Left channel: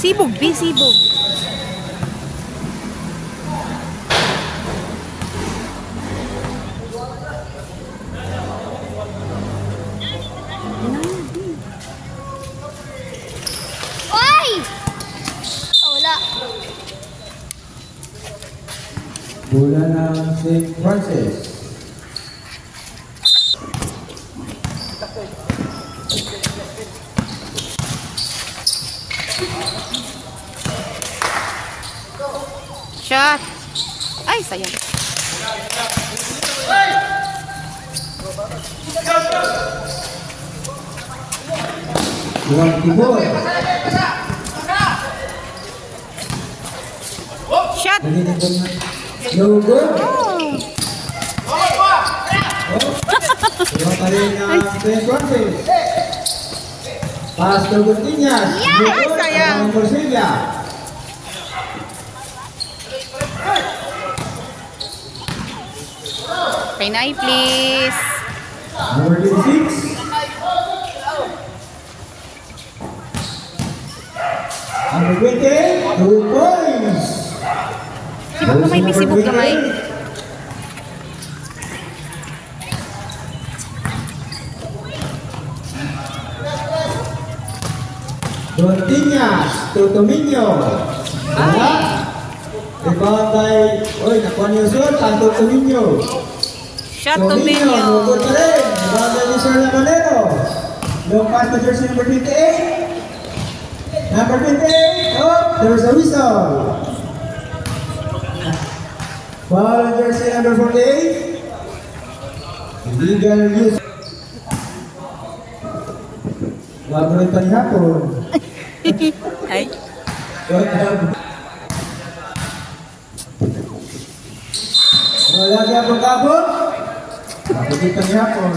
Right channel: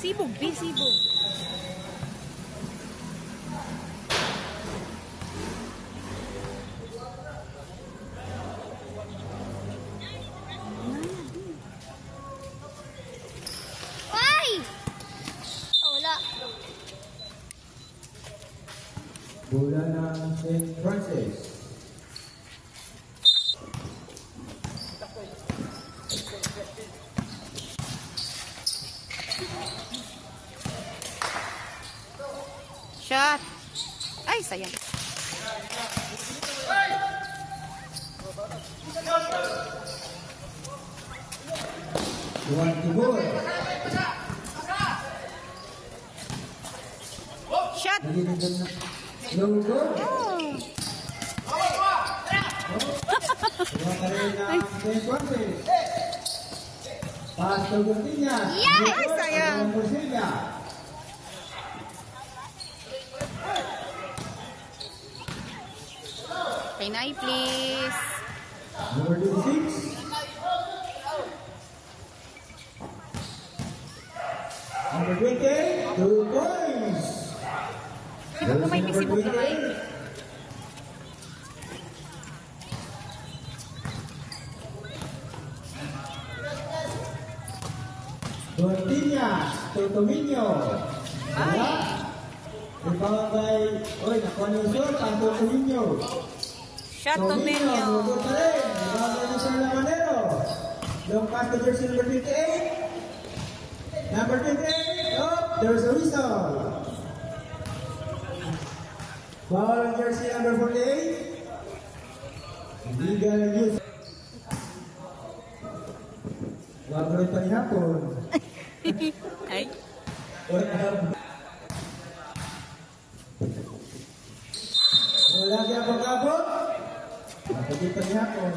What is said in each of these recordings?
Sibog, B, sibog. Oy! Oh, wala. Bola ng St. Francis. Shot. Ay, sayang. Buwan Tibor. Shot. No good. Oh. Buwan pa rin ng St. Francis. Pass to Gutiñas. Ay, sayang. Corsilla. Kainay, please. Number 26. Number 20. 2 points. Sibog gamay, may sibog gamay. Gutiñas to Tominho. Wala. Rebound by, nakuha niyo shot, ang Tominho. Shot to Benyo. No good pa rin. Rebound by Mr. Lamanero. Long pass to jersey number 28. Number 28. Oh, there's a whistle. Foul on jersey number 48. Illegal use. Wag mo rin panihapon. Ay. Wala siya pong kapon. Bakit panihapon.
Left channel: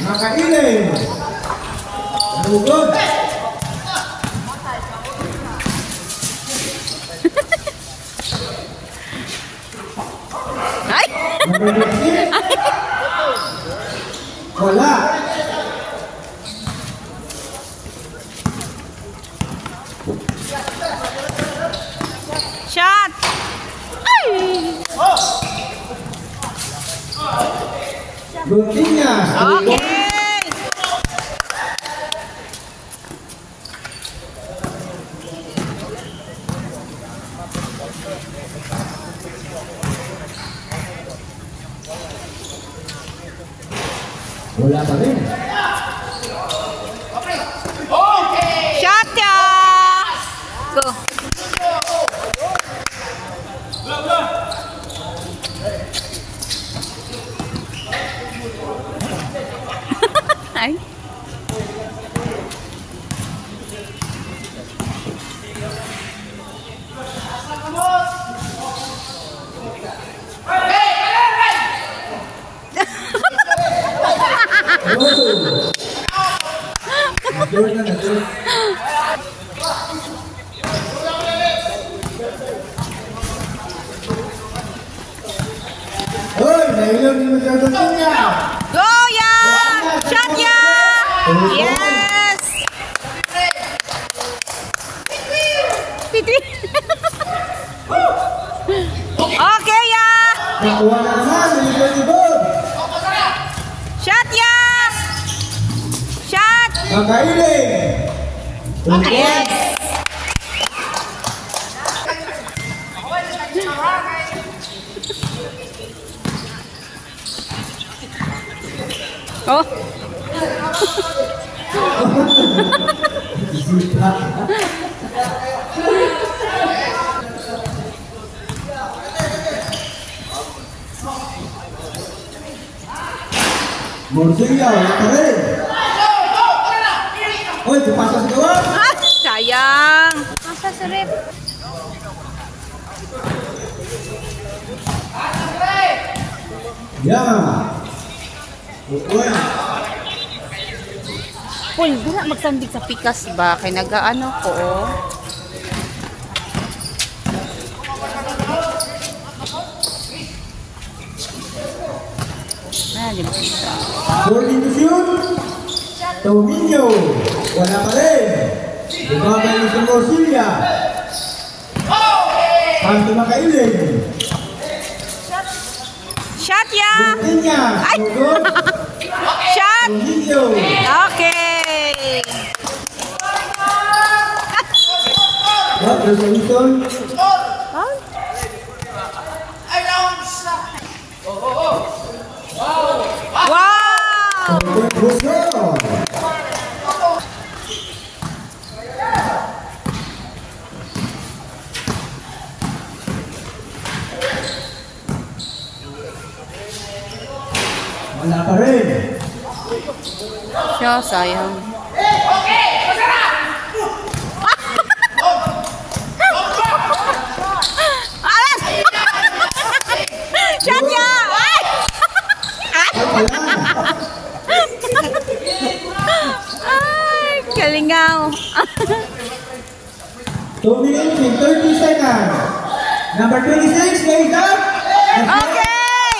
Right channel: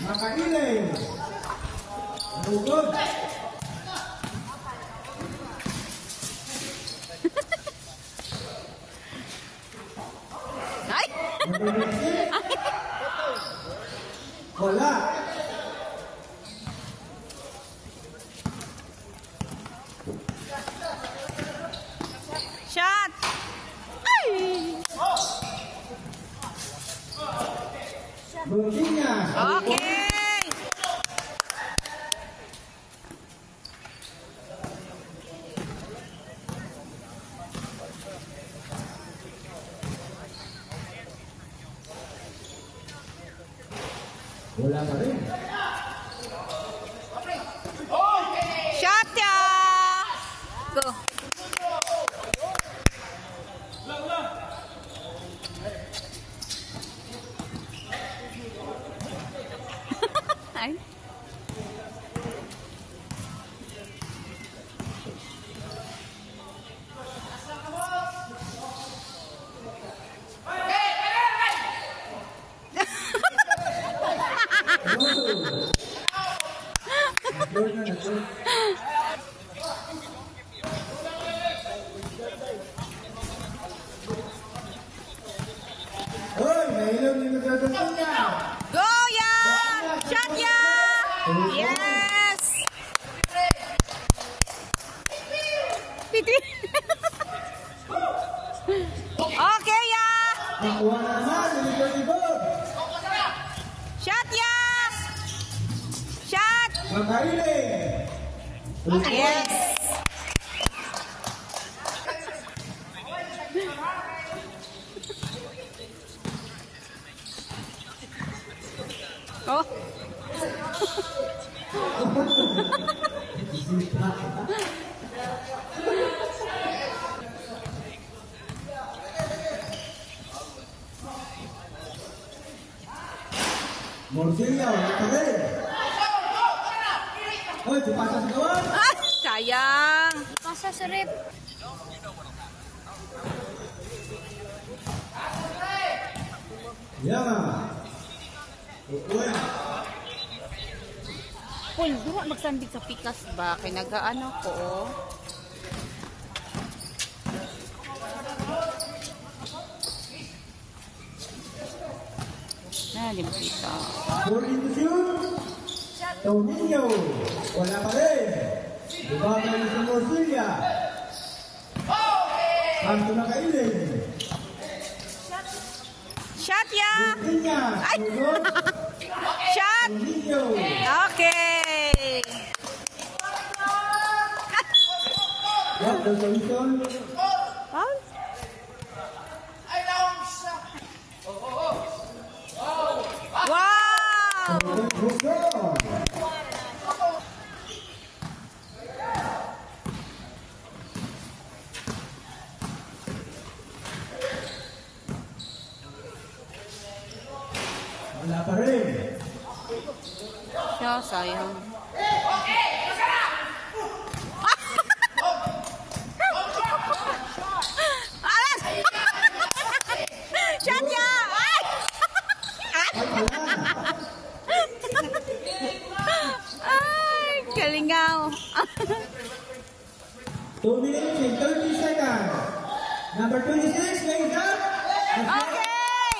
Makailin. Nalugod. Ay. Wala. Shot. Ay. Gutiñas. Okay. Wala pa rin. Shot ya. Go. Ay. Hoy, nailang ni Mr. Gutiñas. Go ya. Shot ya. Yes. Pitri. Okay ya. Nakuha na naman ni Mr. Tibor. Shot ya. Shot. Makailin. Yes. Oh. Corsilla, wala pa rin. Hoy, pupasa sa gawa. Ah, sayang. Nasa sa rep. Yeah. Uy. Paul, di na magsandig sa pikas ba? Kaya nag-ano ko, oh. Ah, di ba isa? 14 to shoot. Tominyo. Wala pa rin. Bumabay ni Sir Morcilla. Panto Makailin. Shot ya! Buntinya. Ay! Sugod. Shot! Tominyo. Okay! What? There's a whistle. Wow! Whistle. Wala pa rin. Siya, sayang. Alas! Shot ya! Ay! Ay, kalingaw. 2 minutes and 30 seconds. Number 26, lays up. Okay!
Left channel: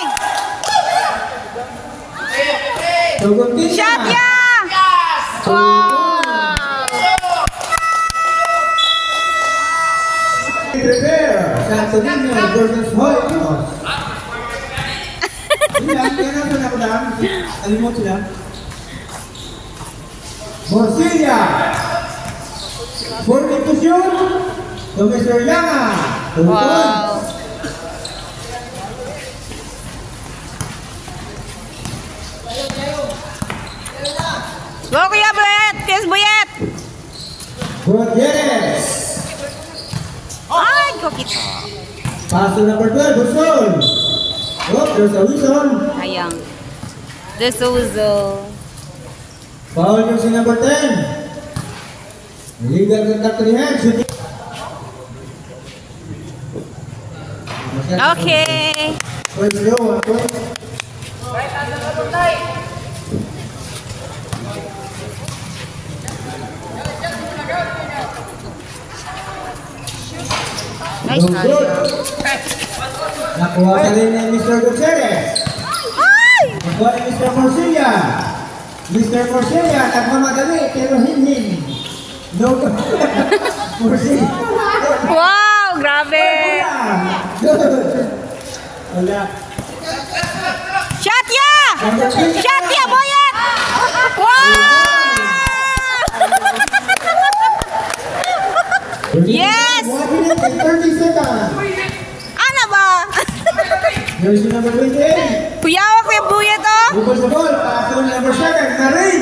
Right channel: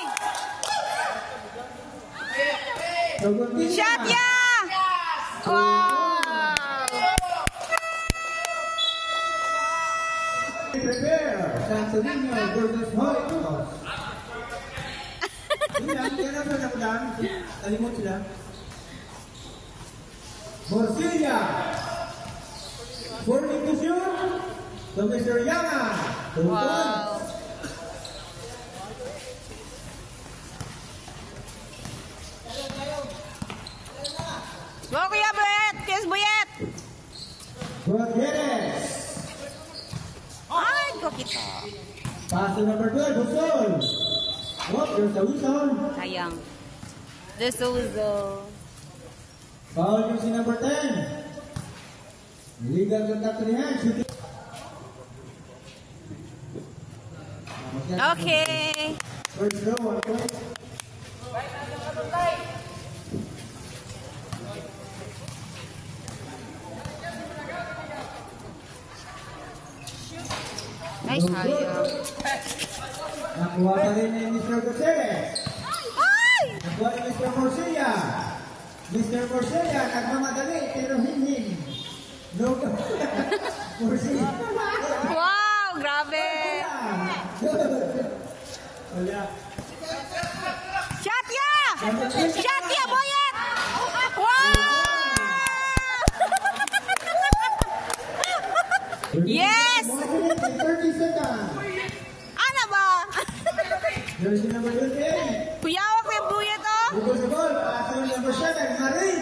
Suguntin Shot na. ya! Wow! Prepare. Santo Niño versus Holy Cross. Sila, kaya naman ako daan. Alimot sila. Morcilla. 40 to shoot. To Mr. Yanga. Wow! Go, Kuya Buyet! Kiss Buyet! Good, yes. Ay, ko kita. Pass to number 12, Busol. Oh, there's a whistle. Sayang. De Souza. Foul yung si number 10. Legal contact to the hand. Shooting. Okay. First go, 1 point. Nice No na. good. Nakuha pa rin ni Mr. Gutierrez. Ay! Nakuha ni Mr. Morcilla. Mr. Morcilla, nagmamadali pero hin-hin. No good. Morcilla. Wow! Grabe! Good. Wala. Shot ya! Shot ya, Boyet! Wow! Yes! 1 minute and 30 seconds. Ano ba? Jersey number 28. Kuyawak yung Buyet, oh! Bukas sa ball, pass to number 7, Marin.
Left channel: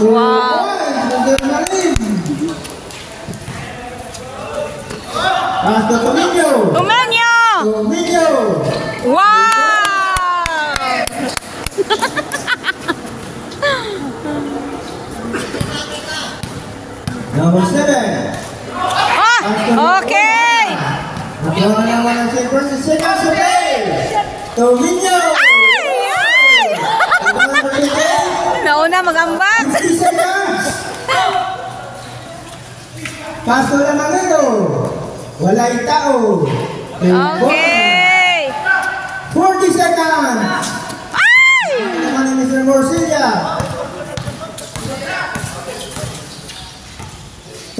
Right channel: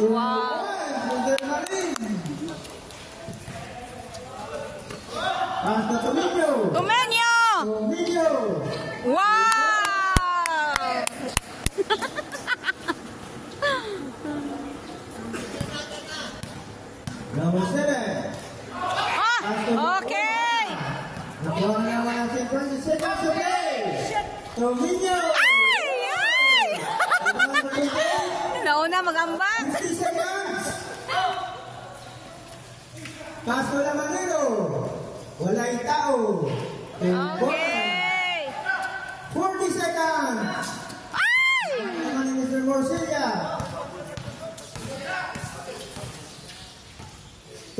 Wow. Number Marin. Pass to Tominyo. Tumenyo! Tominyo. Wow! Number 7. Ah! Okay! Nakuha na naman ang first seconds of play. Tominyo. Ay! Ay! Number 28. Nauna magambag! 50 seconds. Pass to Lamanero. Wala yung tao. Okay! 40 seconds. Ay! Naman ni Mr. Morcilla.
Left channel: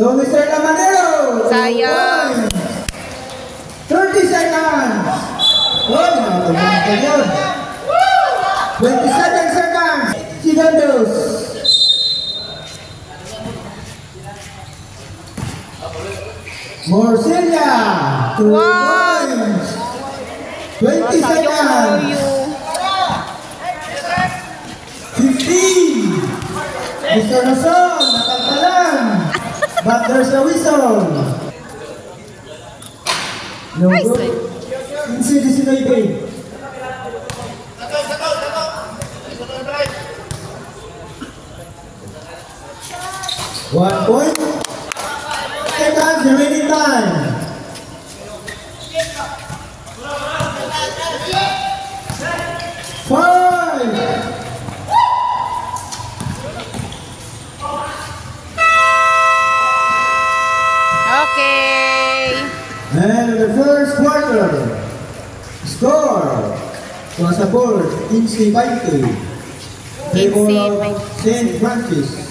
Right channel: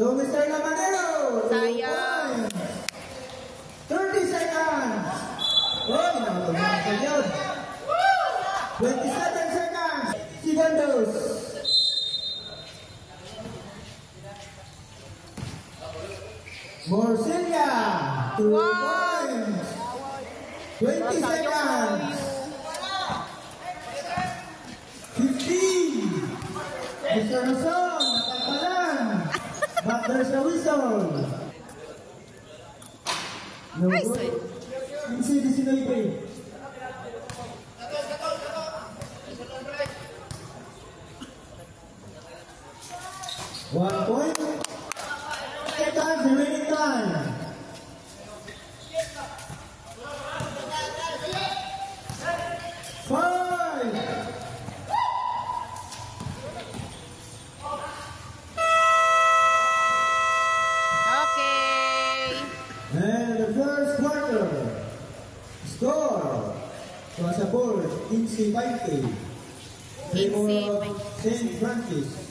So, Mr. Lamanero. Sayang. 30 seconds. Oh, nakatulungan ka yun. 27 seconds. Segundos. Morcilla. 2 Wow. points. 20 seconds. 15. Mr. Nason, nakalpalan. But there's a whistle. No Nice. good. Inside the Sinoy. 1 point. Seconds remaining time. Five. Okay. And the first quarter. Score was a board, 15-20. Favor of 15-20. St. Francis.